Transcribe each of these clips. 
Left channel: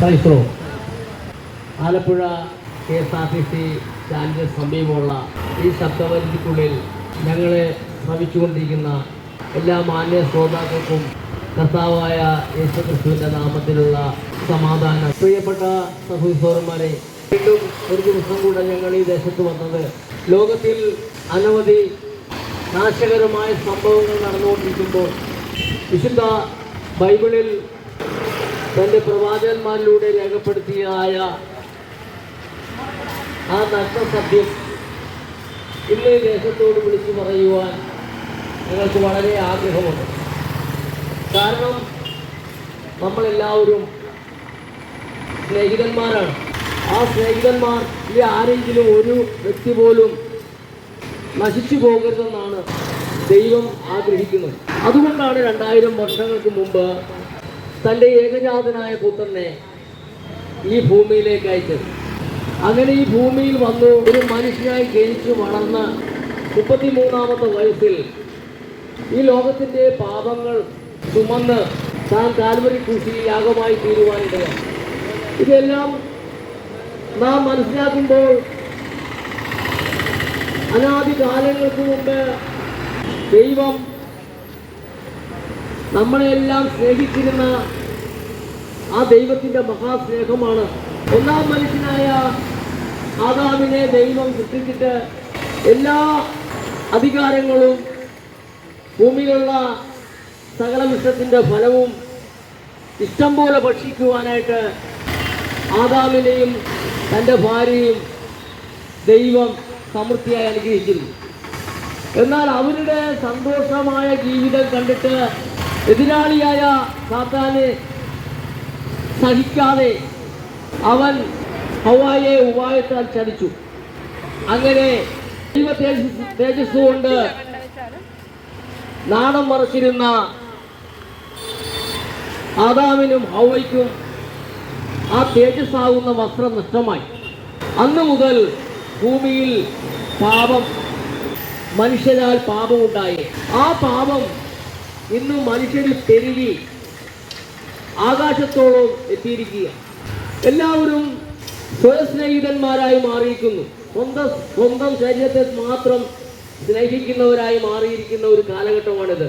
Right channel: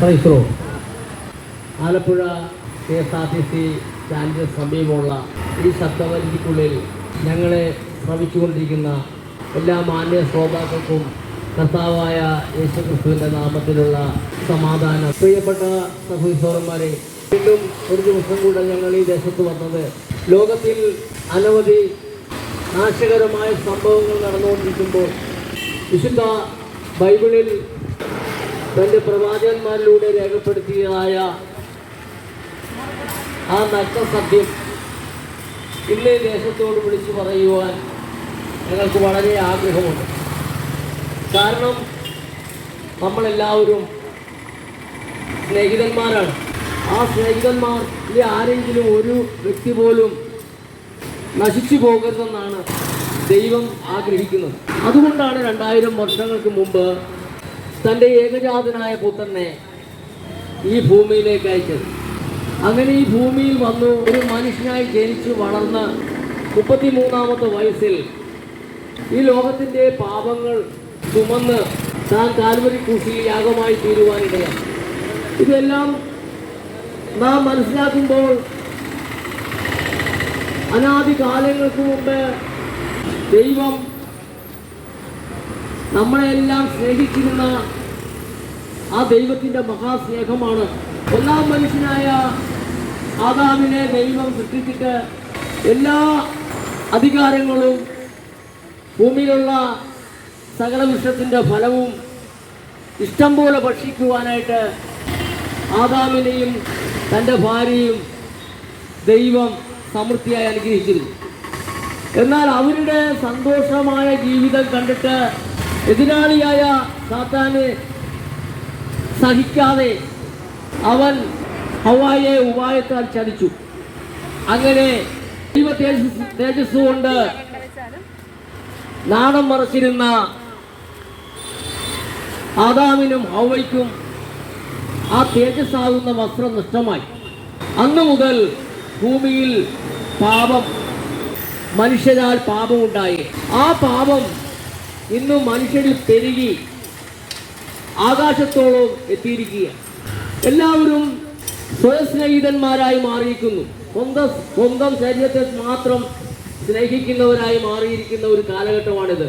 പ്രൈസ്രോ Alappuzha KSRTC സ്റ്റാൻഡിന് സമീപമുള്ള ഈ ശബ്ദപരിധിക്കുള്ളിൽ ഞങ്ങളെ ശ്രമിച്ചുകൊണ്ടിരിക്കുന്ന എല്ലാ മാന്യ ശ്രോതാക്കൾക്കും കർത്താവായ യേശുക്രിസ്തുവിൻ്റെ നാമത്തിലുള്ള സമാധാനം. പ്രിയപ്പെട്ട സഹോദരന്മാരെ, വീണ്ടും ഒരു ദിവസം കൂടെ ഞങ്ങൾ ഈ ദേശത്ത് വന്നത് ലോകത്തിൽ അനവധി നാശകരമായ സംഭവങ്ങൾ നടന്നുകൊണ്ടിരിക്കുമ്പോൾ വിശുദ്ധ ബൈബിളിൽ തൻ്റെ പ്രവാചകന്മാരിലൂടെ രേഖപ്പെടുത്തിയതായ ആ നഗ്നസത്യം ഇന്ന് ഈ ദേശത്തോട് വിളിച്ചു പറയുവാൻ ഞങ്ങൾക്ക് വളരെ ആഗ്രഹമുണ്ട്. കാരണം നമ്മളെല്ലാവരും സ്നേഹിതന്മാരാണ്. ആ സ്നേഹിതന്മാർ ഈ ആരെങ്കിലും ഒരു വ്യക്തി പോലും നശിച്ചു പോകരുതെന്നാണ് ദൈവം ആഗ്രഹിക്കുന്നത്. അതുകൊണ്ടാണ് 2000 വർഷങ്ങൾക്ക് മുമ്പ് തൻ്റെ ഏകജാതനായ പുത്രനെ ഈ ഭൂമിയിലേക്ക് അയച്ചത്. അങ്ങനെ ഈ ഭൂമിയിൽ വന്നു ഒരു മനുഷ്യനായി ജനിച്ചു വളർന്ന് 33-ാമത്തെ വയസ്സിൽ ഈ ലോകത്തിൻ്റെ പാപങ്ങൾ ചുമന്ന് താൻ കാൽവരി ക്രൂശിൽ യാഗമായി തീരുവാനിടയാണ്. ഇതെല്ലാം നാം മനസ്സിലാക്കുമ്പോൾ അനാദി കാലങ്ങൾക്ക് മുമ്പ് ദൈവം നമ്മളെല്ലാം സ്നേഹിച്ചിരുന്ന ആ ദൈവത്തിൻ്റെ മഹാസ്നേഹമാണ്. ഒന്നാം മനുഷ്യനായ ആദാമിനെ ദൈവം സൃഷ്ടിച്ചിട്ട് എല്ലാ അധികാരങ്ങളും ഭൂമിയിലുള്ള സകല വൃക്ഷത്തിൻ്റെ ഫലവും ഇഷ്ടം പോലെ ഭക്ഷിക്കുവാനായിട്ട് ആദാമിനെയും തൻ്റെ ഭാര്യയും ദൈവം സമൃദ്ധിയായി അനുഗ്രഹിച്ചിരുന്നു. എന്നാൽ അവരുടെ സന്തോഷമായ ജീവിതം കണ്ടിട്ട് എതിരാളിയായ സാത്താനെ സഹിക്കാതെ അവൻ ഹവ്വായെ ഉപായത്താൽ ചതിച്ചു. അങ്ങനെ ദൈവ തേജസ് കൊണ്ട് നാണം മറച്ചിരുന്ന ആദാമിനും ഹവ്വയ്ക്കും ആ തേജസ്സാകുന്ന വസ്ത്രം നഷ്ടമായി. അന്നു മുതൽ ഭൂമിയിൽ പാപം, മനുഷ്യരാൽ പാപമുണ്ടായി. ആ പാപം ഇന്നും മനുഷ്യരിൽ പെരുകി ആകാശത്തോളം എത്തിയിരിക്കുക. എല്ലാവരും സ്വസ്നേഹിതന്മാരായി മാറിയിരിക്കുന്നു. സ്വന്തം ശരീരത്തെ മാത്രം സ്നേഹിക്കുന്നവരായി മാറിയിരിക്കുന്ന ഒരു കാലഘട്ടമാണിത്.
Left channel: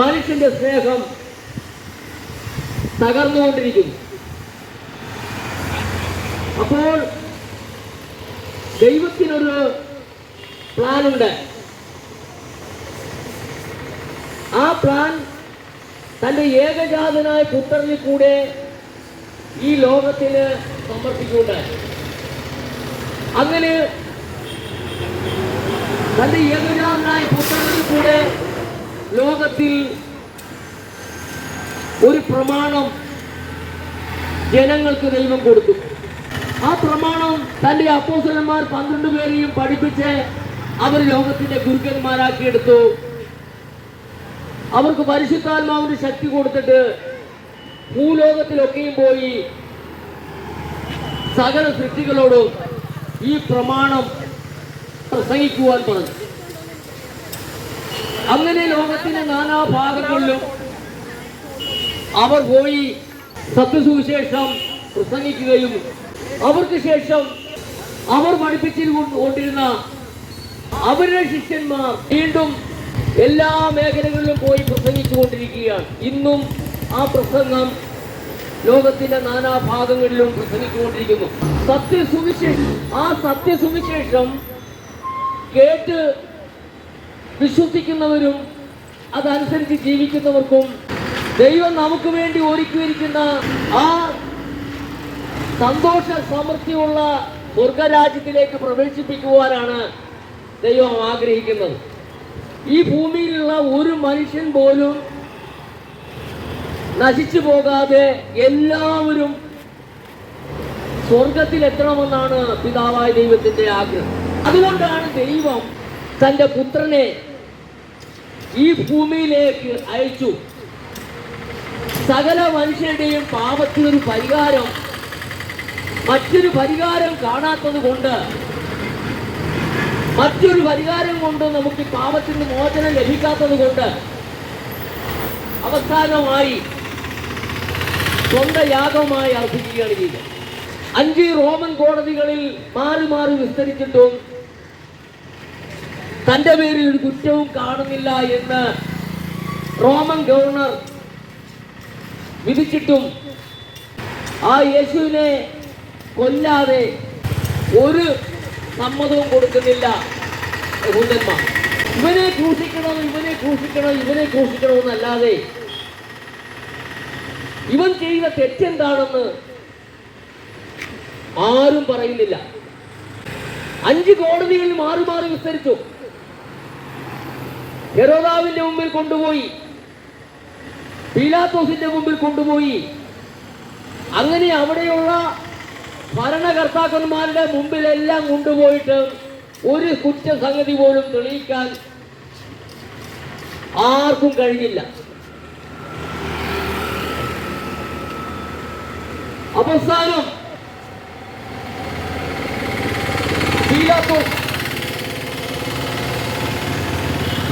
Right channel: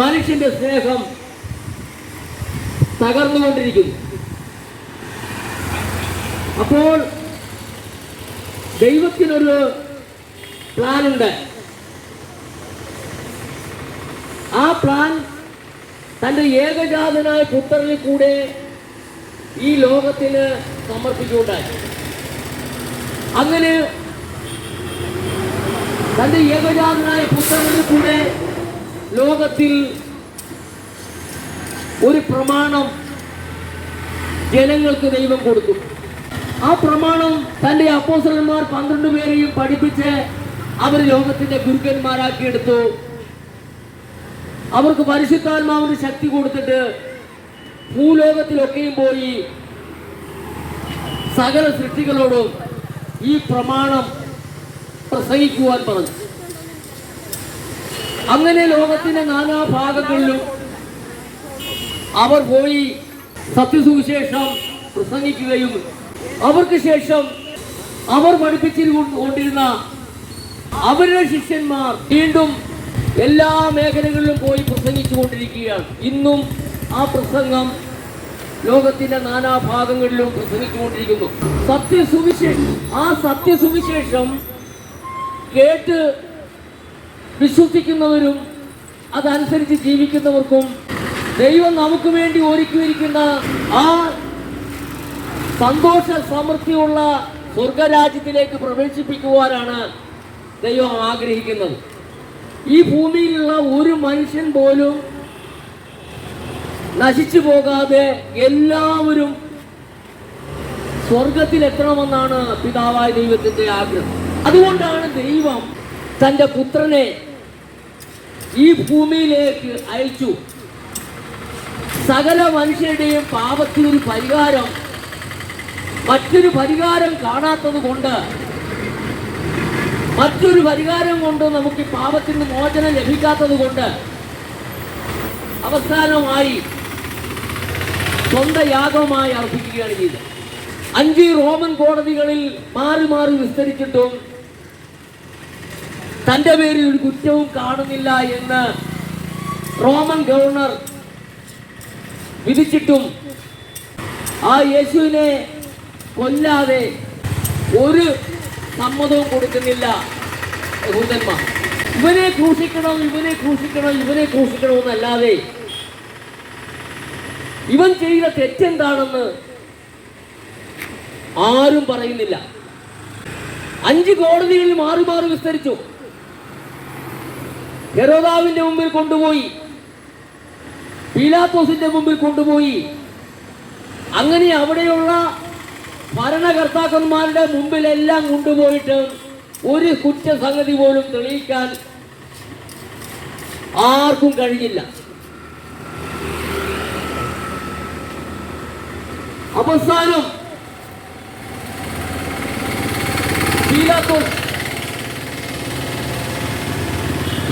മനുഷ്യന്റെ സ്നേഹം തകർന്നുകൊണ്ടിരിക്കുന്നു. അപ്പോൾ ദൈവത്തിനൊരു പ്ലാനുണ്ട്. ആ പ്ലാൻ തൻ്റെ ഏകജാതനായ പുത്രനിൽ കൂടെ ഈ ലോകത്തിന് സമർപ്പിക്കുകയുണ്ടായി. അങ്ങനെ തൻ്റെ ഏകജാതനായ പുത്രനിൽ കൂടെ ലോകത്തിൽ ഒരു പ്രമാണം ജനങ്ങൾക്ക് ദൈവം കൊടുത്തു. ആ പ്രമാണം തൻ്റെ അപ്പോസ്തലന്മാർ 12 പേരെയും പഠിപ്പിച്ച് അവർ ലോകത്തിന്റെ ഗുരുക്കന്മാരാക്കിയെടുത്തു. അവർക്ക് പരിശുദ്ധാത്മാവിന്റെ ശക്തി കൊടുത്തിട്ട് ഭൂലോകത്തിലൊക്കെയും പോയി സകല സൃഷ്ടികളോടും ഈ പ്രമാണം പ്രസംഗിക്കുവാൻ പറഞ്ഞു. അങ്ങനെ ലോകത്തിന്റെ നാനാഭാഗങ്ങളിലും അവർ പോയി സത്യസുവിശേഷം പ്രസംഗിക്കുകയും അവർക്ക് ശേഷം അവർ പഠിപ്പിച്ചുകൊണ്ടിരുന്ന അവരുടെ ശിഷ്യന്മാർ വീണ്ടും എല്ലാ മേഖലകളിലും പോയി പ്രസംഗിച്ചുകൊണ്ടിരിക്കുകയാണ്. ഇന്നും ആ പ്രസംഗം ലോകത്തിന്റെ നാനാഭാഗങ്ങളിലും പ്രസംഗിച്ചുകൊണ്ടിരിക്കുന്നു. ആ സത്യസുവിശേഷം കേട്ട് വിശ്വസിക്കുന്നവരും അതനുസരിച്ച് ജീവിക്കുന്നവർക്കും ദൈവം നമുക്ക് വേണ്ടി ഒരുക്കിയിരിക്കുന്ന ആ സന്തോഷ സമൃദ്ധിയുള്ള സ്വർഗരാജ്യത്തിലേക്ക് പ്രവേശിപ്പിക്കുവാനാണ് ദൈവം ആഗ്രഹിക്കുന്നത്. ഈ ഭൂമിയിലുള്ള ഒരു മനുഷ്യൻ പോലും നശിച്ചു പോകാതെ എല്ലാവരും സ്വർഗത്തിലെത്തണമെന്നാണ് പിതാവായ ദൈവത്തിന്റെ ആഗ്രഹം. അതുകൊണ്ടാണ് ദൈവം തൻ്റെ പുത്രനെ ഈ ഭൂമിയിലേക്ക് അയച്ചു. സകല മനുഷ്യരുടെയും പാപത്തിനൊരു പരിഹാരം, മറ്റൊരു പരിഹാരം കാണാത്തത് കൊണ്ട്, മറ്റൊരു പരിഹാരം കൊണ്ട് നമുക്ക് പാപത്തിന് മോചനം ലഭിക്കാത്തത് കൊണ്ട് അവസാനമായി സ്വന്തം യാഗമായി അർപ്പിക്കുകയാണ് ചെയ്തത്. 5 റോമൻ കോടതികളിൽ മാറി മാറി വിസ്തരിച്ചിട്ടും തന്റെ പേരിൽ ഒരു കുറ്റവും കാണുന്നില്ല എന്ന് റോമൻ ഗവർണർ വിധിച്ചിട്ടും ആ യേശുവിനെ കൊല്ലാതെ ഒരു സമ്മതവും കൊടുക്കുന്നില്ല യഹൂദന്മാർ. ഇവനെ ക്രൂശിക്കണം, ഇവനെ ക്രൂശിക്കണം, ഇവനെ ക്രൂശിക്കണം എന്നല്ലാതെ ഇവൻ ചെയ്ത തെറ്റെന്താണെന്ന് ആരും പറയുന്നില്ല. 5 കോടതികളിൽ മാറി മാറി വിസ്തരിച്ചു. ഹെരോദാവിന്റെ മുമ്പിൽ കൊണ്ടുപോയി, പീലാത്തോസിന്റെ മുമ്പിൽ കൊണ്ടുപോയി. അങ്ങനെ അവിടെയുള്ള ഭരണകർത്താക്കന്മാരുടെ മുമ്പിലെല്ലാം കൊണ്ടുപോയിട്ട് ഒരു കുറ്റസംഗതി പോലും തെളിയിക്കാൻ ആർക്കും കഴിഞ്ഞില്ല. അവസാനം പീലാത്തോസ്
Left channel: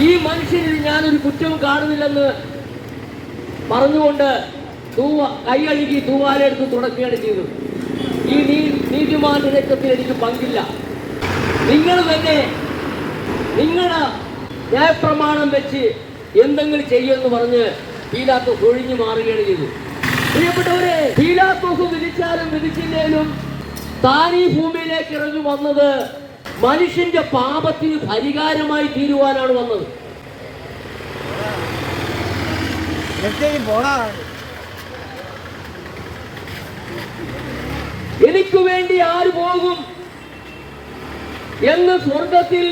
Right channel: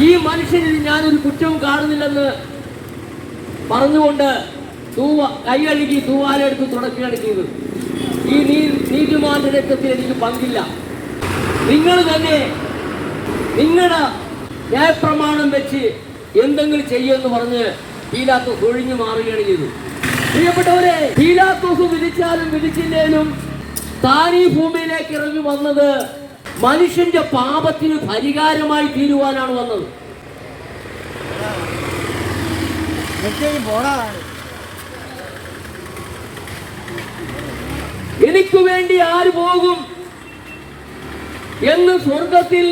ഈ മനുഷ്യനിൽ ഞാനൊരു കുറ്റവും കാണുന്നില്ലെന്ന് പറഞ്ഞുകൊണ്ട് കൈകഴുകി തൂവാലെടുത്ത് തുടക്കുകയാണ് ചെയ്തത്. ഈ നീതിമാന്റെ രക്തത്തിൽ എനിക്ക് പങ്കില്ല, നിങ്ങൾ തന്നെ നിങ്ങളുടെ ന്യായപ്രമാണം വെച്ച് എന്തെങ്കിലും ചെയ്യുമെന്ന് പറഞ്ഞ് പീലാത്തോസ് ഒഴിഞ്ഞു മാറുകയാണ് ചെയ്തത്. പ്രിയപ്പെട്ടവരെ, പീലാത്തോസ് വിധിച്ചാലും വിധിച്ചില്ലേലും താൻ ഈ ഭൂമിയിലേക്ക് ഇറങ്ങി വന്നത് മനുഷ്യന്റെ പാപത്തിന് പരിഹാരമായി തീരുവാനാണ് വന്നത്. എനിക്ക് വേണ്ടി ആര് പോകും എന്ന് സ്വർഗത്തിൽ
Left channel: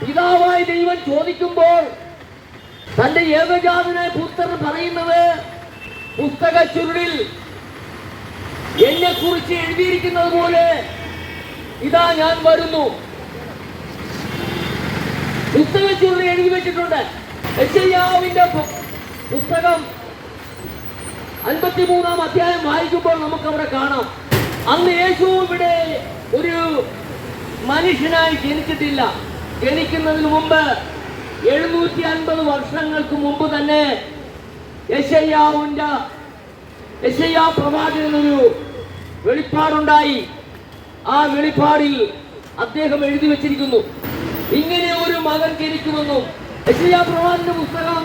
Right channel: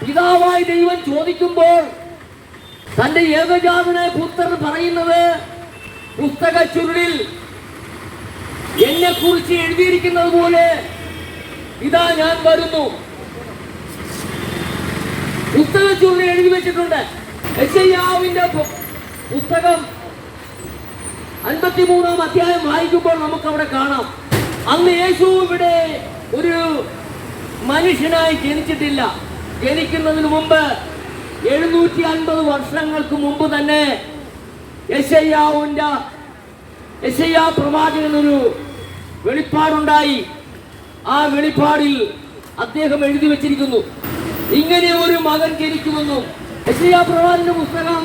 പിതാവായ ദൈവം ചോദിക്കുമ്പോൾ തന്റെ ഏകജാതനായ പുത്രൻ പറയുന്നത്, പുസ്തക ചുരുളിൽ എന്നെ കുറിച്ച് എഴുതിയിരിക്കുന്നത് പോലെ ഇതാ ഞാൻ വരുന്നു. പുസ്തക ചുരുളിൽ എഴുതി വെച്ചിട്ടുണ്ട്. യെശയ്യാവിന്റെ പുസ്തകം 53-ാം അധ്യായം വായിക്കുമ്പോൾ നമുക്ക് അവിടെ കാണാം, അന്ന് യേശു ഇവിടെ ഒരു മനുഷ്യനായി ജനിച്ചിട്ടില്ല. ജനിക്കുന്നതിന് മുമ്പ് 750 വർഷങ്ങൾക്ക് മുമ്പ് തന്നെ യെശയ്യാ പ്രവാചകനൊരു വെളിപ്പാടുണ്ടായി. ആ വെളിപ്പാടിൽ അദ്ദേഹം എഴുതി വെച്ചിരിക്കുന്നു, ഇങ്ങനെ ഒരു മകൻ ജനിക്കുമെന്നും. യെശയ്യാ പ്രവാചകന്റെ പുസ്തകം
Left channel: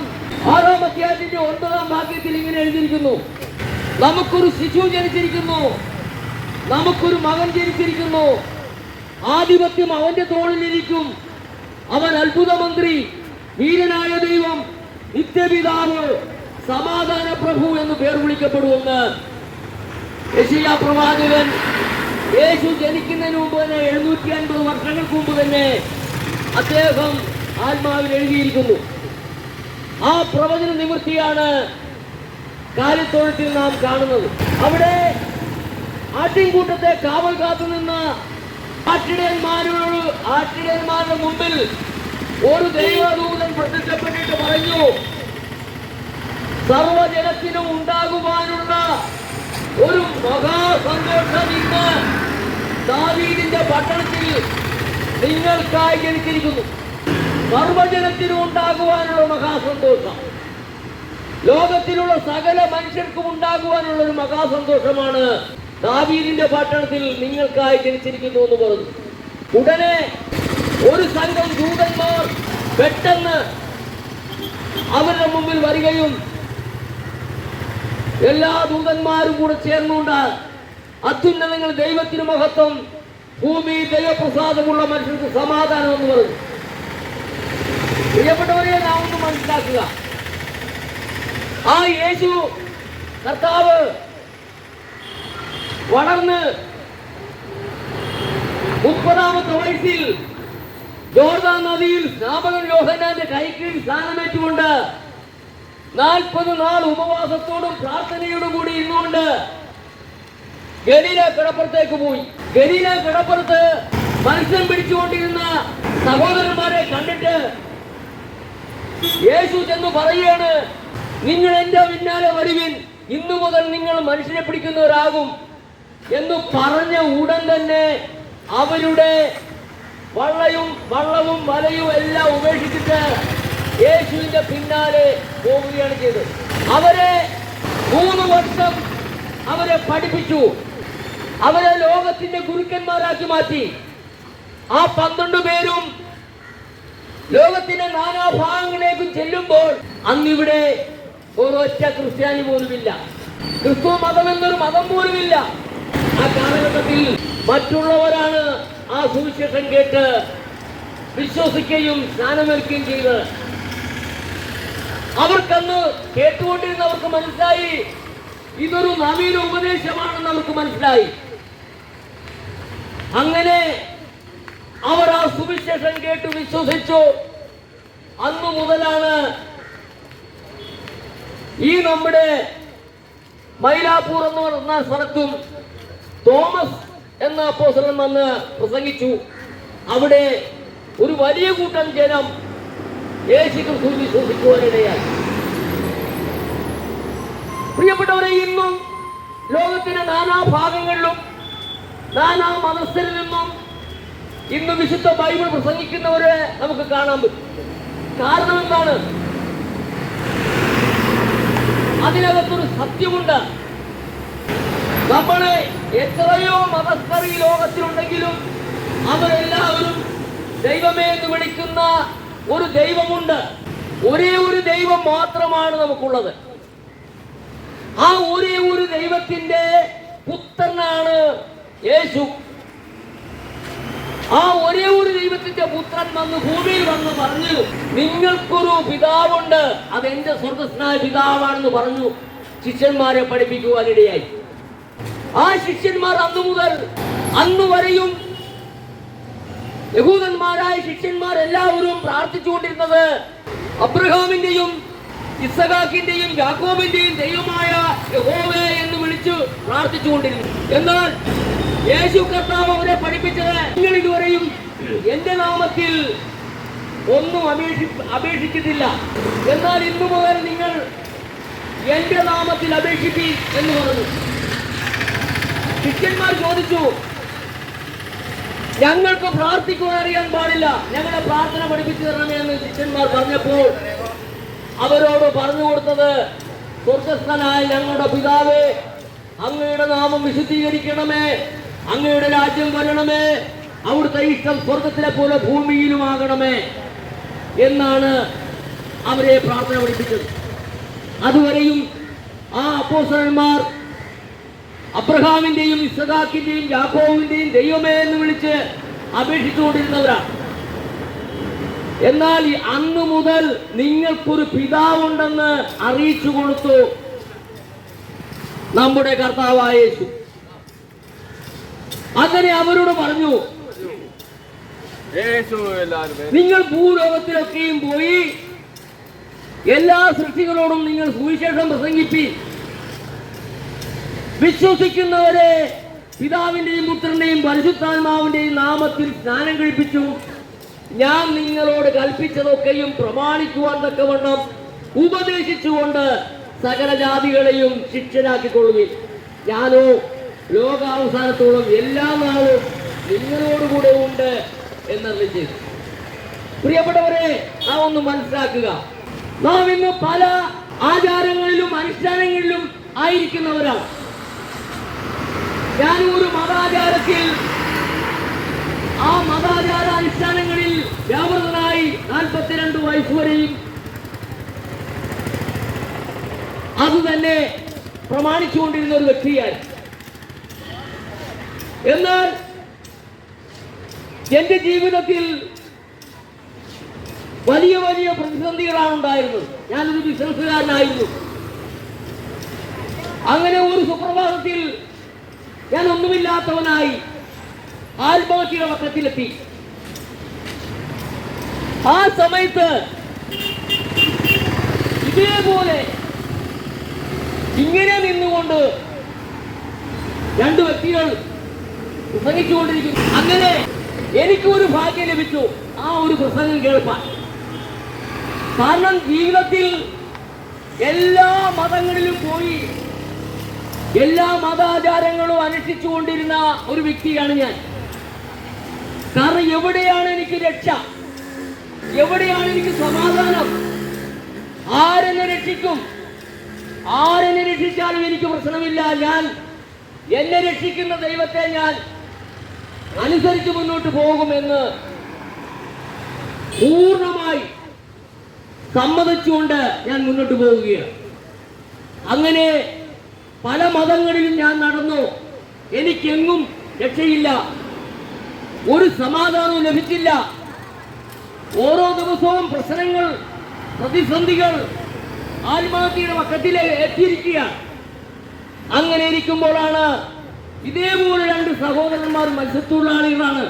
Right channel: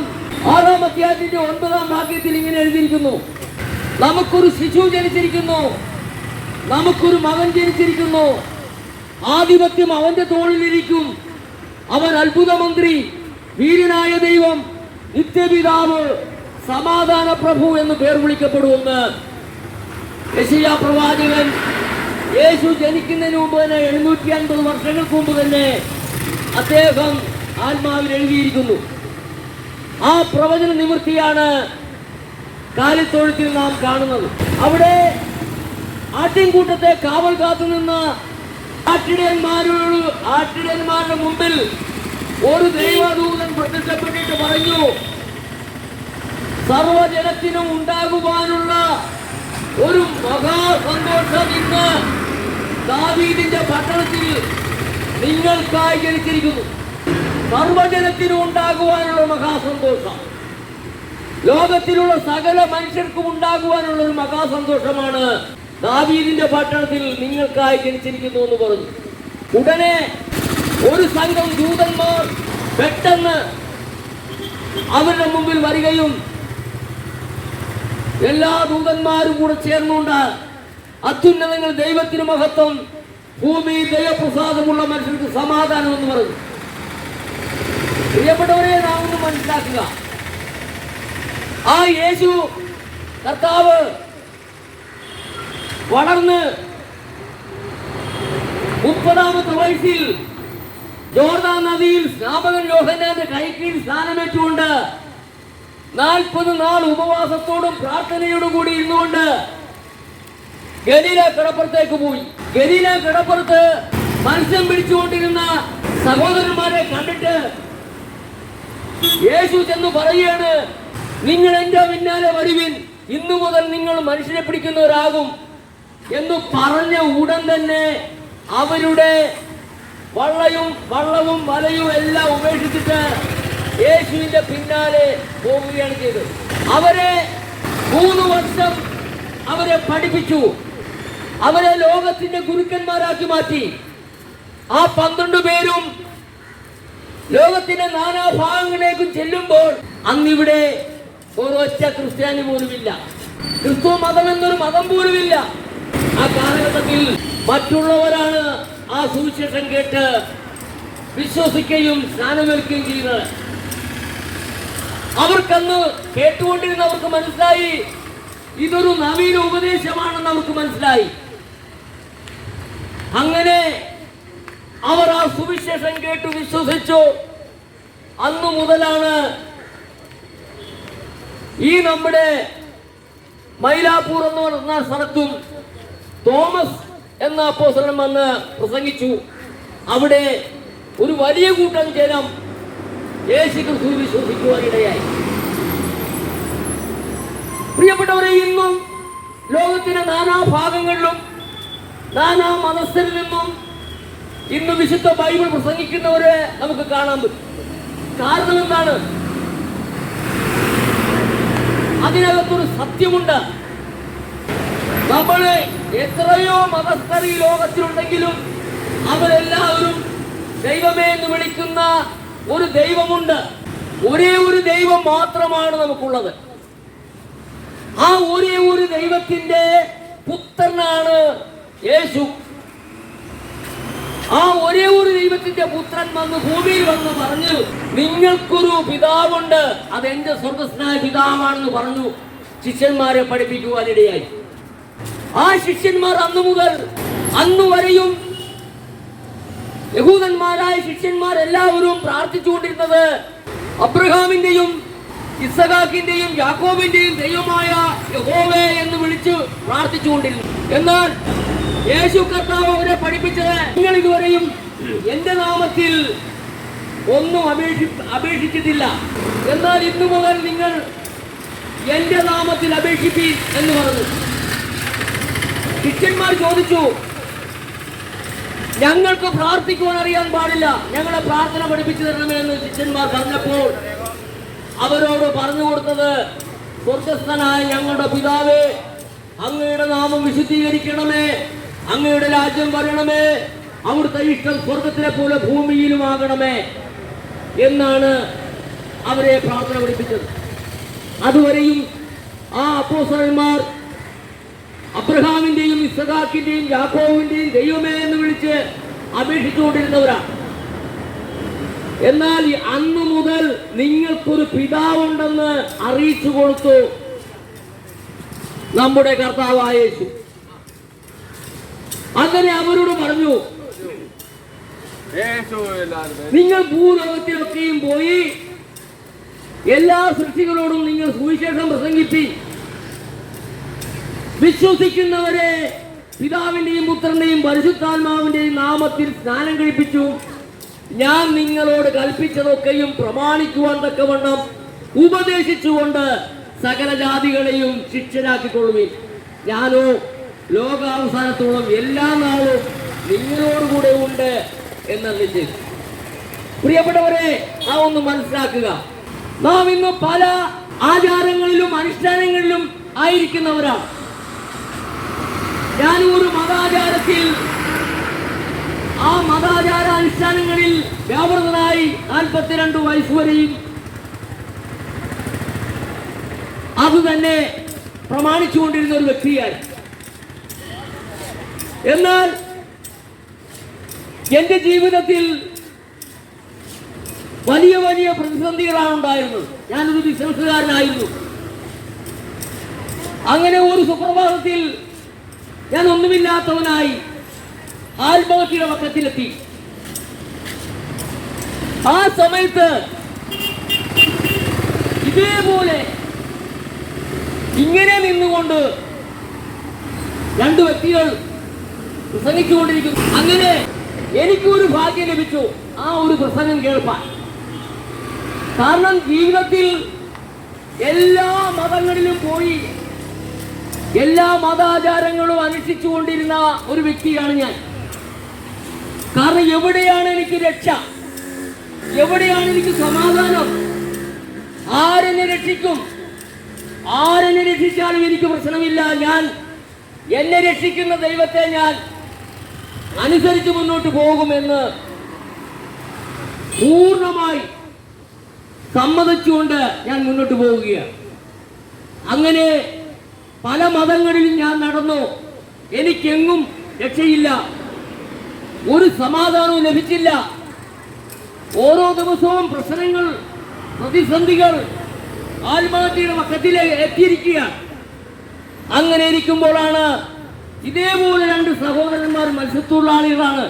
6-ാം അധ്യായത്തിന്റെ 9-ാം വാക്യത്തിൽ ഇങ്ങനെ എഴുതിയിരിക്കുന്നു, നമുക്കൊരു ശിശു ജനിച്ചിരിക്കുന്നു, നമുക്കൊരു മകൻ ജനിച്ചിരിക്കുന്നു, ആധിപത്യം അവന്റെ തോളിലിരിക്കും, അവൻ അത്ഭുത മന്ത്രി, വീരനായ ദൈവം, നിത്യപിതാവ്, സമാധാന പ്രഭു എന്ന് പേർ വിളിക്കപ്പെടുമെന്ന് യെശയ്യാ പ്രവാചകൻ യേശു ജനിക്കുന്നതിന് മുമ്പ് തന്നെ 750 വർഷങ്ങൾക്ക് മുമ്പ് തന്നെ അദ്ദേഹം ആത്മാവിൽ എഴുതിയിരിക്കുന്നു. ആ പ്രവചന നിവൃത്തിയാണ് കാലിത്തൊഴുത്തിൽ നാം കാണുന്നത്. അവിടെ ആട്ടിൻകൂട്ടത്തെ കാവൽ കാത്തു നിന്ന ആട്ടിടയന്മാരുടെ മുമ്പിൽ ഒരു ദൈവദൂതൻ പ്രത്യക്ഷപ്പെട്ടിട്ട് പറഞ്ഞു, സർവജനത്തിനും ഉണ്ടാകുവാനുള്ള ഒരു മഹാസന്തോഷം ഇന്ന് ദാവീദിന്റെ പട്ടണത്തിൽ നിങ്ങൾക്കായി ജനിച്ചിരിക്കുന്നു. സർവജനത്തിനും ഉണ്ടാകുവാനുള്ള മഹാസന്തോഷം, ലോകത്തിലുള്ള സകല മനുഷ്യർക്കും ഉണ്ടാകുവാനുള്ള ഒരു മഹാസന്തോഷമാണ് ദാവീദിന്റെ പട്ടണത്തിൽ നിങ്ങൾക്കായി ജനിച്ചിരിക്കുന്നു എന്ന് പറഞ്ഞു. ഉടനെ ഒരു സംഘം ദൂതന്മാർ പെട്ടെന്ന് അവരുടെ മുമ്പിൽ വരികയും എല്ലാ ദൂതന്മാരും കൂടെ ചേർന്നുകൊണ്ട് അത്യുന്നതങ്ങൾ ദൈവത്തിന് മഹത്വം, ഭൂമിയിൽ ദൈവപ്രസാദമുള്ള മനുഷ്യർക്ക് സമാധാനം എന്ന് പറഞ്ഞു. പ്രിയപ്പെട്ടവരെ, നാം ഒന്ന് മനസ്സിലാക്കുക, ആ യേശു കർത്താവ് വളർന്ന് 30-ാമത്തെ വയസ്സിൽ ജോർദാൻ നദിയിൽ സ്നാപകൻ യോഹന്നാന്റെ കൈക്കീഴിൽ സ്ഥാനമേറ്റുകൊണ്ട് 40 നാൾ ഉപവാസത്തോടും പ്രാർത്ഥനയോടും കൂടി ഇരുന്നുകൊണ്ട് ഗലീല കടപ്പുറത്തേക്ക് പോയി. ഗലീല കടപ്പുറത്ത് മത്സ്യം പിടിച്ചുകൊണ്ടിരുന്ന സഹോദരന്മാരെ കണ്ടിട്ട് യേശു ചെന്ന് പറയുകയാണ്, നിങ്ങൾ എന്റെ പിന്നാലെ വരുവിൻ, ഇന്നു മുതൽ നിങ്ങൾ മനുഷ്യരെ പിടിക്കുന്നവരാകും എന്ന് പറഞ്ഞ ഉടൻ തന്നെ അവരുടെ വള്ളവും വലയും എല്ലാം ഉപേക്ഷിച്ചിട്ട് യേശുവിന്റെ പിന്നാലെ പോവുകയാണ് ചെയ്തത്. അവരെ 3 വർഷം അവരെ പഠിപ്പിച്ചു, അവരെ ലോകത്തിന്റെ ഗുരുക്കന്മാരാക്കി മാറ്റി. ആ 12 പേരും ലോകത്തിന്റെ നാനാഭാഗങ്ങളിലേക്കും ചെല്ലുമ്പോൾ അന്നിവിടെ ഒരൊറ്റ ക്രിസ്ത്യാനി പോലുമില്ല, ക്രിസ്തു മതം എന്നൊരു മതം പോലുമില്ല. ആ കാലഘട്ടത്തിൽ മറ്റുള്ളവരാണ് ആ സുവിശേഷം കേട്ട് വിശ്വസിക്കുകയും സ്നാനമേൽക്കുകയും ചെയ്തത്. അവർക്കന്ന് കേട്ടുകൊണ്ടിരുന്നവർക്ക് മനസ്സിലായി ഇതൊരു നവീന ഉപദേശമാണെന്ന് അവർക്ക് മനസ്സിലായി. അങ്ങനെ അവർ ആ സുവിശേഷം കേട്ടു വിശ്വസിച്ചു. അന്നു മുതലാണ് ഈ നമ്മുടെ മൈലാപ്പൂർ എന്ന് പറഞ്ഞ സ്ഥലത്തും തോമസ് എന്ന അപ്പോസ്തലൻ വന്ന് പ്രസംഗിച്ചു. അവിടെ ഒരു വലിയ കൂട്ടം ജനം യേശുക്രിസ്തു വിശ്വസിക്കുവാനിടയായി. പ്രിയപ്പെട്ടവരെ, ഇന്നും ലോകത്തിന്റെ നാനാഭാഗങ്ങളിലും നാനാ മതസ്ഥരിൽ നിന്നും ഇന്ന് വിശുദ്ധ ബൈബിൾ പ്രസംഗിക്കുന്നവരെ നമുക്ക് കാണാൻ പറ്റും. കാരണം എന്താണ്? അതിനകത്തൊരു സത്യമുണ്ട്. നമ്മളെ എത്രയോ മതസ്ഥർ ഈ ലോകത്തിലുണ്ടെങ്കിലും അവരെല്ലാവരും ദൈവമേ എന്ന് വിളിക്കുന്ന ഒരു ദൈവമുണ്ട്. ഒരേ ഒരു ദൈവം മാത്രമാണ് നമുക്കുള്ളത്. ആ ഒരേ ഒരു ദൈവത്തിന്റെ പുത്രനാണ് യേശു. ആ ഒരേ ഒരു ദൈവത്തിന്റെ പുത്രൻ വന്ന് ഭൂമിയിൽ വന്ന് പറഞ്ഞു, നിങ്ങൾക്കൊരു പിതാവുണ്ട്, അതെന്റെ സ്വർഗസ്നായ പിതാവാണെന്ന് പറഞ്ഞു ശിഷ്യന്മാരെ പഠിപ്പിക്കുവാനിടയായി. ആ ശിഷ്യന്മാർ അന്നു മുതൽ അന്നു വരെയും യഹൂദന്മാരായ ശിഷ്യന്മാർ എല്ലാവരും പ്രാർത്ഥിച്ചുകൊണ്ടിരുന്നത് അബ്രഹാമിന്റെയും ഇസഹാക്കിന്റെയും യാക്കോബിന്റെയും ദൈവമായ യഹോവേ എന്ന് വിളിച്ചു പ്രാർത്ഥിച്ചുകൊണ്ടിരുന്നു. എന്നാൽ യേശു കർത്താവ് അവരെ പഠിപ്പിച്ചത്, നിങ്ങൾ ഇതുവരെയും എന്റെ നാമത്തിൽ ഒന്നും അപേക്ഷിച്ചിട്ടില്ല, എന്നാൽ ഇന്നു മുതൽ നിങ്ങൾ എന്റെ നാമത്തിൽ അപേക്ഷിപ്പീൻ എന്ന് പറഞ്ഞു. ശിഷ്യന്മാർ ചോദിച്ചു, ഞങ്ങൾക്ക് പ്രാർത്ഥിക്കുവാൻ അറിയാൻ പാടില്ല, ഞങ്ങളെ പ്രാർത്ഥന പഠിപ്പിച്ചു തരണമേ എന്ന് ശിഷ്യന്മാർ പറഞ്ഞപ്പോൾ അവരോട് പറഞ്ഞു കൊടുത്തത്, സ്വർഗസ്ഥനായ ഞങ്ങളുടെ പിതാവേ, അങ്ങയുടെ നാമം വിശുദ്ധീകരിക്കണമേ, അങ്ങയുടെ രാജ്യം വരണമേ, അവിടുത്തെ ഇഷ്ടം സ്വർഗത്തിലെ പോലെ ഭൂമിയിലുമാകണമേ എന്നാണ് അവരെ പ്രാർത്ഥന പഠിപ്പിച്ചത്. അതുവരെയും ആ അപ്പോസ്തലന്മാർ അബ്രഹാമിന്റെയും ഇസഹാക്കിന്റെയും യാക്കോബിന്റെയും ദൈവമേ എന്ന് വിളിച്ച് അപേക്ഷിച്ചുകൊണ്ടിരുന്നവരാണ്. എന്നാൽ അന്ന് മുതൽ നിങ്ങൾക്കൊരു പിതാവുണ്ടെന്ന് അറിയിച്ചു കൊടുത്തു നമ്മുടെ കർത്താവായ യേശു. അങ്ങനെ അവരോട് പറഞ്ഞു, നിങ്ങൾ ഭൂലോകത്തിലൊക്കെയും പോയി എല്ലാ സൃഷ്ടികളോടും നിങ്ങൾ സുവിശേഷം പ്രസംഗിപ്പി, വിശ്വസിക്കുന്നവരെ പിതാവിന്റെയും പുത്രന്റെയും പരിശുദ്ധാത്മാവിന്റെയും നാമത്തിൽ സ്നാനം കഴിപ്പിച്ചു, ഞാൻ നിങ്ങളോട് കൽപ്പിച്ചതൊക്കെയും പ്രമാണിക്കുവാൻ തക്കവണ്ണം ഉപദേശിച്ചുകൊണ്ട് സകല ജാതികളെയും ശിഷ്യരാക്കിക്കൊള്ളുവിൻ, ഞാനോ ലോകാവസാനത്തോളം എല്ലാ നാളും നിങ്ങളോടുകൂടെ ഉണ്ട് എന്നറിയിച്ചു. പ്രിയപ്പെട്ടവരെ, നാം ഒന്ന് മനസ്സിലാക്കുക, നാം ഇന്ന് പല ആചാരങ്ങളിലും അനുഷ്ഠാനങ്ങളിലും ആയിരിക്കുന്നവരാണ്. ഞാൻ ഒരു മതാചാരത്തിൽ ആ മതാചാര അനുഷ്ഠാനങ്ങളിൽ വ്യാപൃതനായി 42 വയസ്സ് വരെയും അത് തന്നെ പ്രമാണിച്ചുകൊണ്ടിരുന്ന ഒരു വ്യക്തിയായി. എന്നാൽ എന്റെ ജീവിതത്തിൽ വലിയ വലിയ പ്രതിസന്ധികളാണ് ഉണ്ടായിരുന്നത്. ഞാനൊരു ബിസിനസ്സുകാരനായിരുന്നു. അങ്ങനെ ഒരു സുപ്രഭാതത്തിൽ ഞാൻ ഒന്നുമില്ലാത്തവനായി ആത്മഹത്യയുടെ പക്കത്തിലെത്തി. ആ സമയത്ത് ഇതേപോലെ ഇങ്ങനെ നിന്നുകൊണ്ട് 2 വ്യക്തികൾ പ്രസംഗിച്ചുകൊണ്ടിരിക്കുന്നു. അങ്ങനെ എനിക്കൊരു ഭാഗ്യം ലഭിച്ചു ആ ഒരു പ്രസംഗം കേൾപ്പാൻ. കാരണം ജീവിതത്തിൽ എല്ലാ മതങ്ങളിലും പോയി എല്ലാ മതാചാരങ്ങളും അനുഷ്ഠിച്ചുകൊണ്ടിരുന്ന ഒരു വ്യക്തിയാണ് ഞാൻ. കാരണം എവിടെയാണ് എനിക്ക് രക്ഷ, എവിടെയാണ് എനിക്ക് സമാധാനം, ആരെന്നെ രക്ഷിക്കും, ആരെന്നെ രക്ഷിച്ചാലും എനിക്ക് പ്രശ്നമില്ല, ഞാൻ എന്നെ രക്ഷിക്കുന്ന ദൈവത്തെ ഞാൻ അനുസരിച്ച് മുന്നോട്ട് പോകുമെന്ന് പൂർണ്ണമായി സമ്മതിച്ചുകൊണ്ട് ഞാൻ മുന്നോട്ട് പോവുകയാണ്. അങ്ങനെ പല മതങ്ങളിലും ഞാൻ നടന്നു. എനിക്കെങ്ങും രക്ഷയില്ല, ഒരു സമാധാനവും ലഭിച്ചില്ല. ഓരോ ദിവസവും പ്രശ്നങ്ങൾ, പ്രതിസന്ധികൾ ആത്മഹത്യയുടെ പക്കത്തിൽ എത്തിയിരിക്കുകയാണ്. അങ്ങനെ ഇരിക്കുമ്പോഴാണ് ഇതേപോലെ രണ്ട് സഹോദരന്മാർ മത്സ്യത്തൊഴിലാളികളാണ്.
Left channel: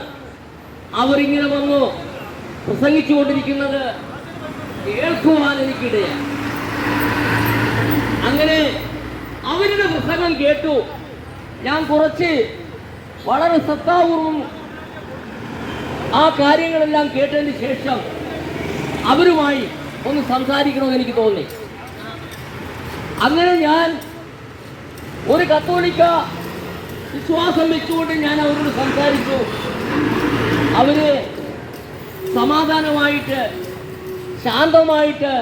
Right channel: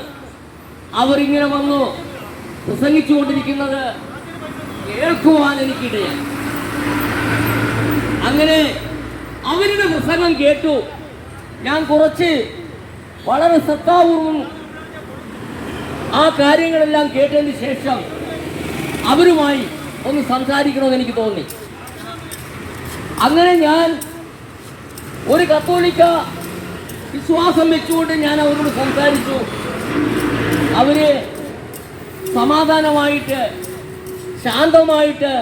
അവരിങ്ങനെ വന്നു പ്രസംഗിച്ചുകൊണ്ടിരിക്കുന്നത് കേൾക്കുവാൻ എനിക്കിടയായി. അങ്ങനെ അവരുടെ പ്രസംഗം കേട്ടു. ഞാൻ കുറച്ച് വളരെ ശ്രദ്ധാപൂർവം ആ കാര്യങ്ങളെല്ലാം കേട്ടതിന് ശേഷം അവരുമായി ഒന്ന് സംസാരിക്കണമെന്ന് എനിക്ക് തോന്നി. അങ്ങനെ ഞാൻ ഒരു കത്തോലിക്ക വിശ്വാസം വെച്ചുകൊണ്ട് ഞാൻ അവരോട് സംസാരിച്ചു. അവര് സമാധാനമായിട്ട് ശാന്തമായിട്ട്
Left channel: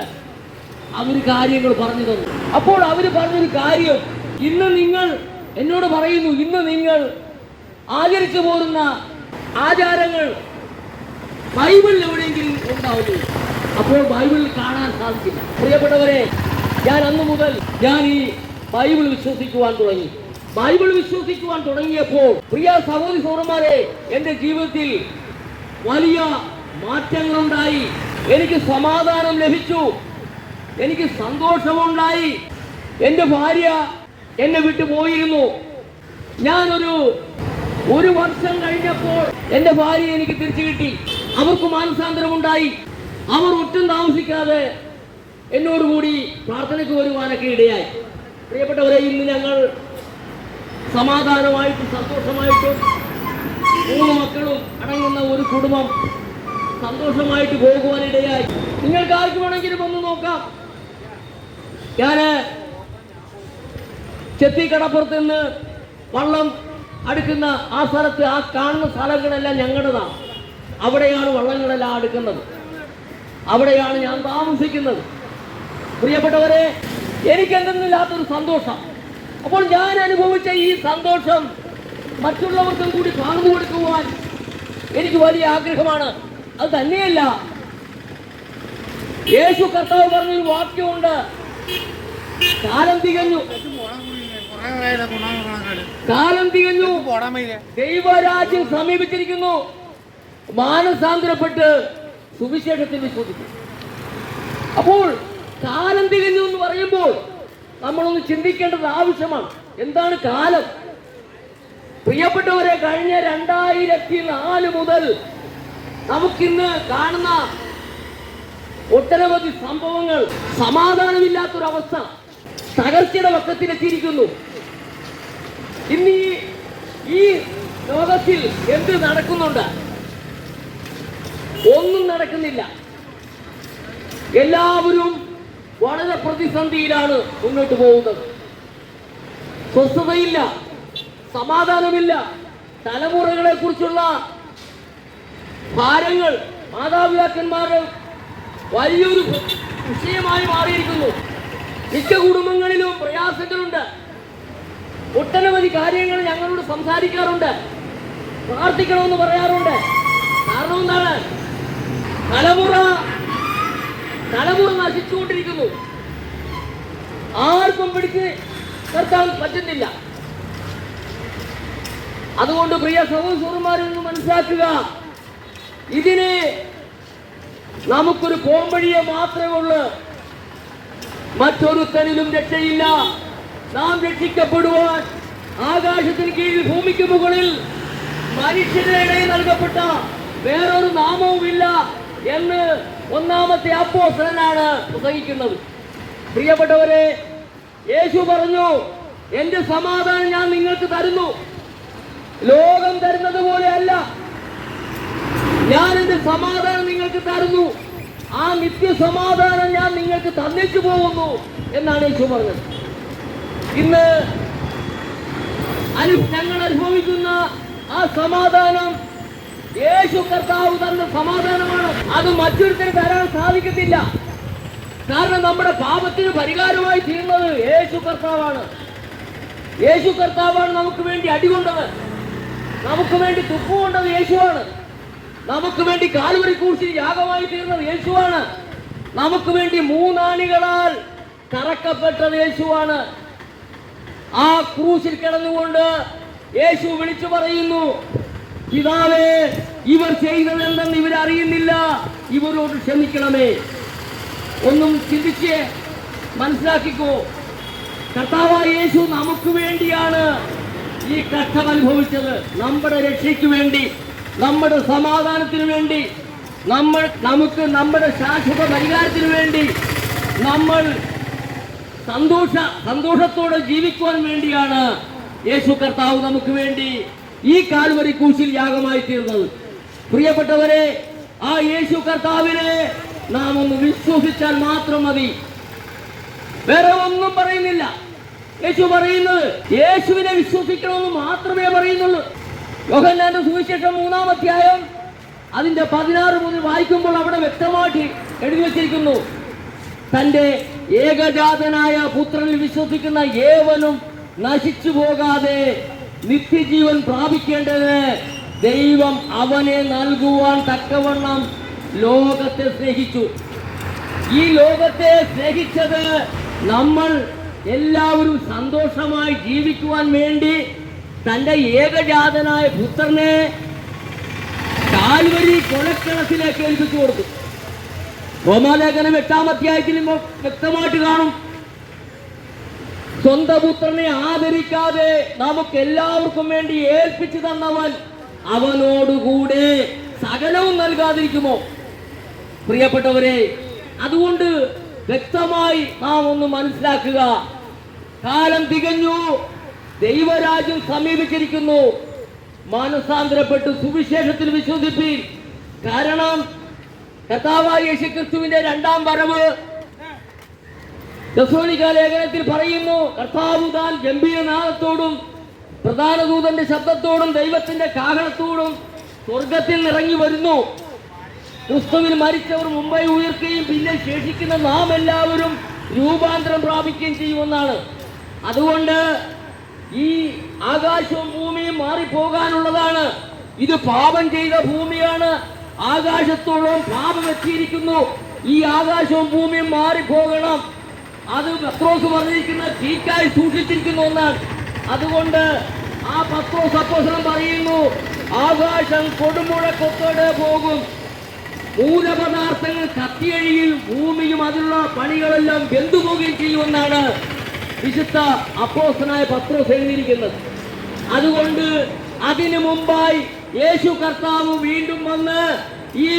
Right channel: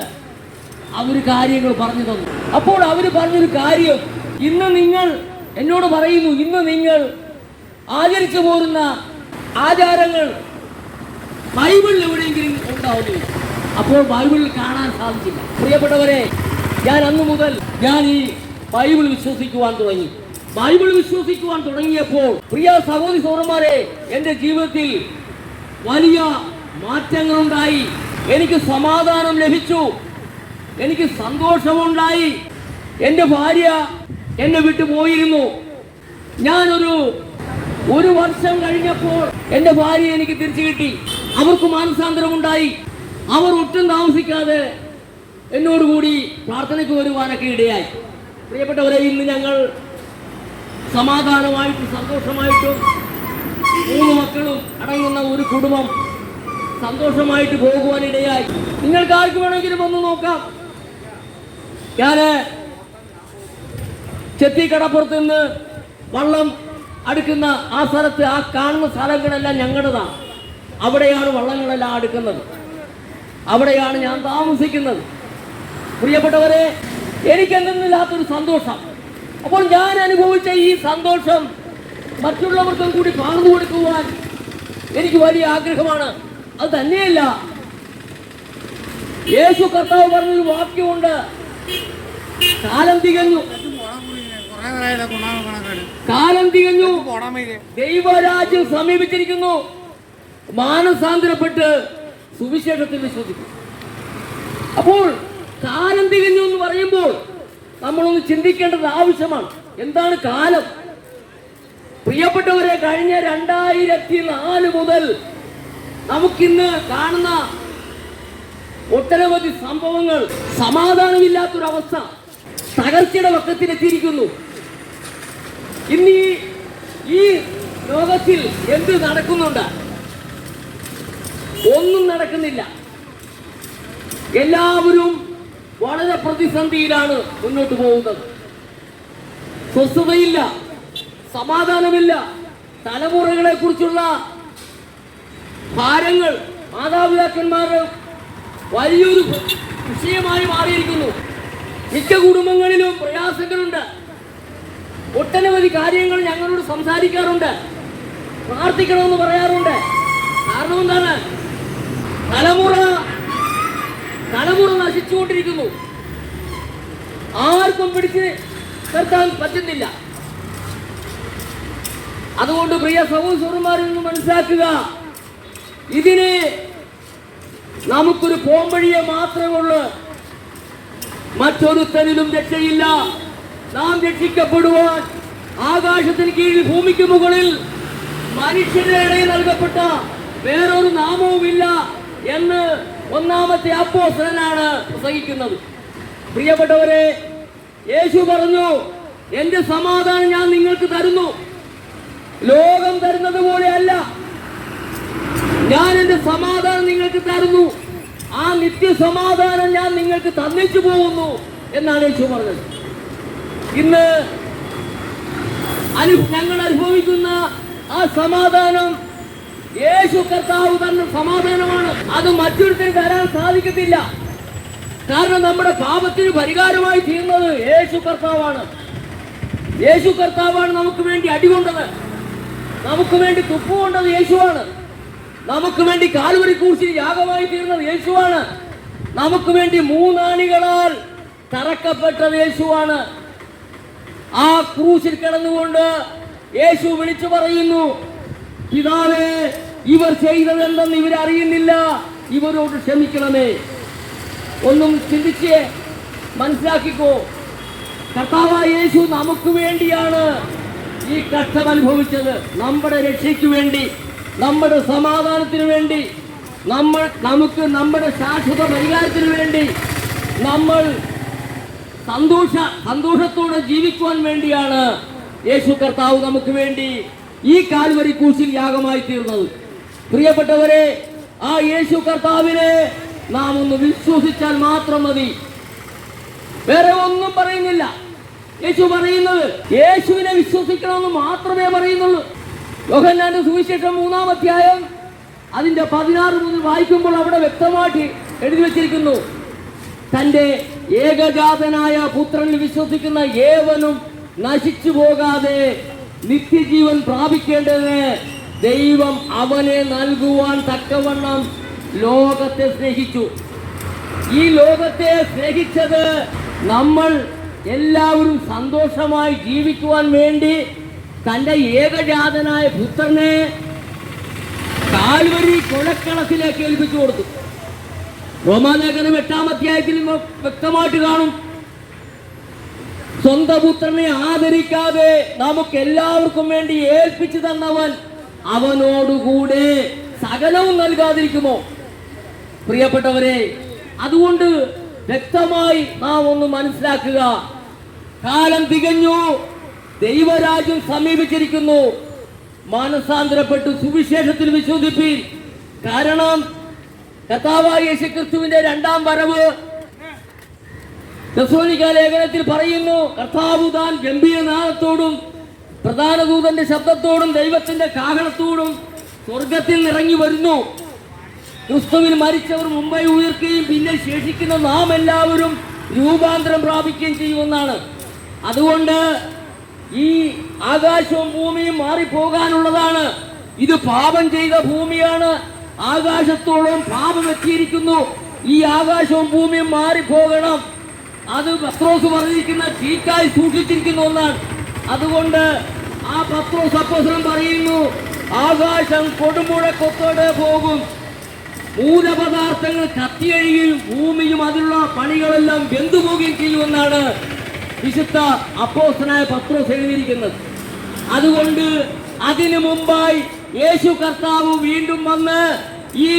അവർ കാര്യങ്ങൾ പറഞ്ഞു തന്നു. അപ്പോൾ അവർ പറഞ്ഞൊരു കാര്യം, ഇന്ന് നിങ്ങൾ എന്നോട് പറയുന്നു, ഇന്ന് നിങ്ങൾ ആചരിച്ചു പോരുന്ന ആചാരങ്ങൾ ബൈബിളിൽ എവിടെയെങ്കിലും ഉണ്ടാവുകയില്ല. അപ്പോൾ ബൈബിളിൽ കാണാൻ സാധിക്കില്ല. പ്രിയപ്പെട്ടവരെ, ഞാൻ അന്ന് മുതൽ ഞാൻ ഈ ബൈബിൾ വിശ്വസിക്കുവാൻ തുടങ്ങി. ബൈബിൾ വിശ്വസിക്കുവാൻ തുടങ്ങിയപ്പോൾ പ്രിയ സഹോദരി സഹോദരന്മാരെ, എൻ്റെ ജീവിതത്തിൽ വലിയ മാറ്റങ്ങളുണ്ടായി. എനിക്ക് സമാധാനം ലഭിച്ചു, എനിക്ക് സന്തോഷമുണ്ടായി. എൻ്റെ ഭാര്യ എന്നെ വിട്ടു പോയിരുന്നു. ഒരു വർഷം കഴിഞ്ഞപ്പോൾ എൻ്റെ ഭാര്യ എനിക്ക് തിരിച്ചു കിട്ടി. അവർക്ക് മാനസാന്തരമുണ്ടായി. അവർ ഒട്ടും താമസിക്കാതെ എന്നോടുകൂടി പ്രാർത്ഥനയ്ക്ക് വരുവാനൊക്കെ ഇടയായി. പ്രിയപ്പെട്ടവരെ, ഇന്ന് ഞങ്ങൾ സമാധാനമായിട്ടും സന്തോഷമായിട്ടും 3 മക്കളും അടങ്ങുന്ന ഒരു കുടുംബം സന്തോഷമായിട്ട് പോകുവാനിടയായി. നിങ്ങൾക്ക് ആർക്ക് വേണമെങ്കിലും ഒന്ന് നോക്കാം. ഞാന് ചെത്തിക്കടപ്പുറത്ത് നിന്ന് വള്ളം അടുക്കുന്ന ആ സ്ഥലത്ത്, ആ കാണുന്ന സ്ഥലങ്ങളെല്ലാം ഞങ്ങളുടേതാണ്. അവിടെയാണ് വള്ളങ്ങളെല്ലാം അടുക്കുന്നത്, അവിടെയാണ് ഞാൻ താമസിക്കുന്നത്. പ്രിയപ്പെട്ടവരെ, എനിക്കെന്തെന്നില്ലാത്തൊരു സന്തോഷം. അപ്പോൾ ഞാൻ അനുഭവിച്ച ഈ സന്തോഷം മറ്റുള്ളവർക്കും കൂടി പകർന്നു കൊടുക്കുവാൻ എനിക്ക് വലിയ ആഗ്രഹമാണ്. അത് തന്നെയല്ല, യേശു കർത്താവ് പറഞ്ഞൊരു വാക്യമുണ്ട്, കാലം തികഞ്ഞു, കാലം തികഞ്ഞു, ദൈവരാജ്യം സമീപിച്ചിരിക്കുന്നു, മാനസാന്തരപ്പെട്ട് സുവിശേഷത്തിൽ വിശ്വസിക്കും. അപ്പോൾ കാലം തികഞ്ഞു എന്ന് പറയുമ്പോൾ നമ്മളൊന്ന് ചിന്തിക്കേണ്ടത് ആവശ്യമാണ്. എന്താണ് കാലം? പ്രിയപ്പെട്ടവരെ, കഴിഞ്ഞ 2004 മുതൽ നമുക്കിന്ന് കാണുന്ന ഒട്ടനവധി സംഭവങ്ങൾ, സമാധാനമില്ലാത്തൊരവസ്ഥ, തകർച്ചയുടെ പക്കത്തിലെത്തിയിരിക്കുന്നു. ഇന്ന് ഈ ലോകത്തിൽ എന്ത് നടക്കുന്നുണ്ട്? ഒന്നും നടക്കുന്നില്ല. എല്ലാവരും വളരെ പ്രതിസന്ധിയിലാണ് മുന്നോട്ട് പോകുന്നത്. സ്വസ്ഥതയില്ല, സമാധാനമില്ല. തലമുറകളെ കുറിച്ചുള്ള ഭാരങ്ങൾ മാതാപിതാക്കന്മാരുടെ വലിയൊരു വിഷയമായി മാറിയിരിക്കുന്നു. മിക്ക കുടുംബങ്ങളിലും പ്രയാസങ്ങളുണ്ട്. ഒട്ടനവധി കാര്യങ്ങൾ ഞങ്ങളോട് സംസാരിക്കാറുണ്ട്, പ്രാർത്ഥിക്കണമെന്ന് പറയാറുണ്ട്. കാരണം എന്താണ്? തലമുറ നശിച്ചുകൊണ്ടിരിക്കുന്നു. ആർക്കും പിടിച്ച് നിർത്താൻ പറ്റുന്നില്ല. അതുകൊണ്ട് പ്രിയ സഹോദരന്മാരിൽ നിന്ന് മനസ്സിലാക്കുക, ഇതിന് നമുക്കൊരു പോംവഴിയെ മാത്രമേ ഉള്ളൂ. മറ്റൊരുത്തനിലും രക്ഷയില്ല. നാം രക്ഷിക്കപ്പെടുവാൻ ആകാശത്തിന് കീഴിൽ ഭൂമിക്ക് മുകളിൽ മനുഷ്യരുടെ ഇടയിൽ നൽകപ്പെട്ട വേറൊരു നാമവുമില്ല എന്ന് 1-ാമത്തെ അപ്പോസ്തലനാണ് പ്രസംഗിക്കുന്നത്. പ്രിയപ്പെട്ടവരെ, യേശു പറഞ്ഞു, എന്റെ സമാധാനം ഞാൻ നിങ്ങൾക്ക് തരുന്നു, ലോകം തരുന്നത് പോലെയല്ല. ഞാൻ എന്റെ സമാധാനം നിങ്ങൾക്ക് തരുന്നു, ആ നിത്യസമാധാനം ഞാൻ നിങ്ങൾക്ക് തന്നിച്ചു പോകുന്നു എന്നാണ് യേശു പറഞ്ഞത്. ഇന്ന് ഞങ്ങൾ അനുഭവിക്കുന്ന ആ സമാധാനം യേശു കർത്താവ് തന്ന സമാധാനമാണ്. അത് മറ്റൊരുത്തരും തരാൻ സാധിക്കത്തില്ല. കാരണം നമ്മുടെ പാപത്തിന് പരിഹാരമായി തീർന്നത് യേശു കർത്താവാണ്. യേശു കർത്താവാണ് നമുക്ക് വേണ്ടി അടികൊണ്ടത്, നമുക്ക് വേണ്ടി തുപ്പുകൊണ്ടത് യേശുവാണ്, നമുക്ക് വേണ്ടി കാൽവരി ക്രൂശിൽ യാഗമായി തീർന്നത് യേശുവാണ്, നമുക്ക് വേണ്ടി മൂന്നാണികളാൽ തറക്കപ്പെട്ടത് യേശുവാണ്. ആ ക്രൂശിൽ കിടന്നുകൊണ്ട് യേശു വിളിച്ചു പറയുന്നു, പിതാവേ, ഇവർ ചെയ്തതെന്തെന്ന് ഇവരറിയുന്നില്ല, ഇവരോട് ക്ഷമിക്കണമേ. ഒന്നും ചിന്തിച്ച് മനസ്സിലാക്കിക്കോ, കർത്താവായ യേശു നമുക്ക് വേണ്ടിയാണ് ഈ കഷ്ടം അനുഭവിച്ചത്. നമ്മുടെ രക്ഷയ്ക്ക് വേണ്ടി, നമ്മുടെ സമാധാനത്തിന് വേണ്ടി, നമുക്ക് നമ്മുടെ ശാശ്വത പരിഹാരത്തിന് വേണ്ടി, നമ്മൾ സന്തോഷത്തോടെ ജീവിക്കുവാൻ വേണ്ടിയാണ് യേശു കർത്താവ് നമുക്ക് വേണ്ടി ഈ കാൽവരി ക്രൂശിൽ യാഗമായി തീർന്നത്. പ്രിയപ്പെട്ടവരെ, ആ യേശു കർത്താവിനെ നാം ഒന്ന് വിശ്വസിച്ചാൽ മാത്രം മതി. വേറെ ഒന്നും പറയുന്നില്ല. യേശു പറയുന്നത് യേശുവിനെ വിശ്വസിക്കണമെന്ന് മാത്രമേ പറയുന്നുള്ളൂ. യോഹന്നാന്റെ സുവിശേഷം 3-ാം അധ്യായം അതിന്റെ 16 മുതൽ വായിക്കുമ്പോൾ അവിടെ വ്യക്തമാക്കി എഴുതി വച്ചിരിക്കുന്നു, തന്റെ ഏകജാതനായ പുത്രനിൽ വിശ്വസിക്കുന്ന ഏവനും നശിച്ചു പോകാതെ നിത്യജീവൻ പ്രാപിക്കേണ്ടത് ദൈവം അവനെ നൽകുവാൻ തക്കവണ്ണം ലോകത്തെ സ്നേഹിച്ചു. ഈ ലോകത്തെ സ്നേഹിച്ചത് നമ്മൾ എല്ലാവരും സന്തോഷമായി ജീവിക്കുവാൻ വേണ്ടി തന്റെ ഏകജാതനായ പുത്രനെ കാൽവരി കൊലക്കളത്തിലേക്ക് ഏൽപ്പിച്ചു കൊടുത്തു. റോമാലേഖനം 8-ാം അധ്യായത്തിൽ വ്യക്തമായിട്ട് കാണും, സ്വന്തം പുത്രനെ ആദരിക്കാതെ നമുക്ക് എല്ലാവർക്കും വേണ്ടി ഏൽപ്പിച്ചു തന്നവൻ അവനോടുകൂടെ സകലവും നൽകാതിരിക്കുമോ? പ്രിയപ്പെട്ടവരെ, അതുകൊണ്ട് വ്യക്തമായി നാം ഒന്ന് മനസ്സിലാക്കുക, കാലം തികഞ്ഞു, ദൈവരാജ്യം സമീപിച്ചിരിക്കുന്നു. മാനസാന്തരപ്പെട്ട് സുവിശേഷത്തിൽ വിശ്വസിപ്പിൻ. കാരണം കർത്താവായ യേശുക്രിസ്തുവിന്റെ 2-ാം വരവ് തെസ്സലോനിക്ക ലേഖനത്തിൽ പറയുന്നു, കർത്താവ് താൻ ഗംഭീരനാദത്തോടും പ്രധാന ദൂതന്റെ ശബ്ദത്തോടും ദൈവത്തിന്റെ കാഹളത്തോടും സ്വർഗത്തിൽ നിറങ്ങി വരുന്നു. ക്രിസ്തുവിൽ മരിച്ചവർ മുമ്പേ ഉയർക്കുകയും പിന്നെ ശേഷിക്കുന്ന നാം എല്ലാവരും രൂപാന്തരം പ്രാപിക്കുകയും ചെയ്യുമെന്നാണ്. അതുകൊണ്ട് ഈ ആകാശവും ഭൂമിയും മാറിപ്പോകാനുള്ളതാണ്. ഇത് പാപം ചെയ്ത ഭൂമിയാണ്. ആകാശത്തോളം പാപം എത്തിയിരിക്കുന്നു. ഈ ആകാശവും ഭൂമിയും മാറിപ്പോകണം. അത് പത്രോസ് പറഞ്ഞിരിക്കുന്ന തീക്കായി സൂക്ഷിച്ചിരിക്കുന്ന ഒന്നാണ്. അതുകൊണ്ട് ആ പത്രോസ് അപ്പോസ്തലൻ പറയുന്നു, ആകാശം കൊടുമുഴക്കത്തോടെ പോകും, മൂലപദാർത്ഥങ്ങൾ കത്തിയഴിയും ഭൂമിയും അതിലുള്ള പണികളെല്ലാം വെന്തുപോകുകയും ചെയ്യുമെന്നാണ് വിശുദ്ധ അപ്പോസ്തലനായ പത്രോസ് എഴുതിയിരിക്കുന്നത്. അതുകൊണ്ട് അതിനു മുമ്പായി യേശു കർത്താവ് വീണ്ടും വന്ന് ഈ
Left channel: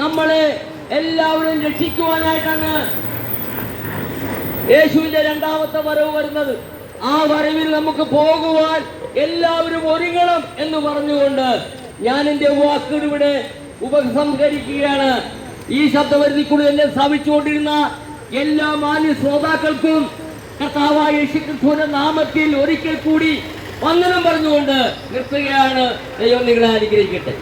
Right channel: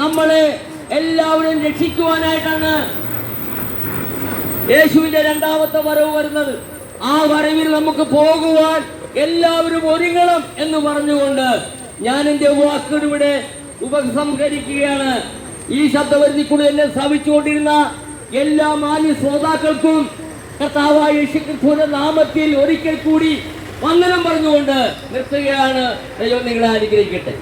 നമ്മളെ എല്ലാവരും രക്ഷിക്കുവാനായിട്ടാണ് യേശുവിന്റെ 2-ാമത്തെ വരവ് വരുന്നത്. ആ വരവിൽ നമുക്ക് പോകുവാൻ എല്ലാവരും ഒരുങ്ങണം എന്ന് പറഞ്ഞുകൊണ്ട് ഞാൻ എന്റെ വാക്കുകൾ ഇവിടെ ഉപസംഹരിക്കുകയാണ്. ഈ ശബ്ദപരിധി കൂടി എന്നെ ശ്രവിച്ചുകൊണ്ടിരുന്ന എല്ലാ മാന്യ ശ്രോതാക്കൾക്കും കർത്താവായ യേശുക്രിസ്തുവിന്റെ നാമത്തിൽ ഒരിക്കൽ കൂടി വന്ദനം പറഞ്ഞുകൊണ്ട് നിർത്തുകയാണ്. ദൈവം നിങ്ങളെ അനുഗ്രഹിക്കട്ടെ.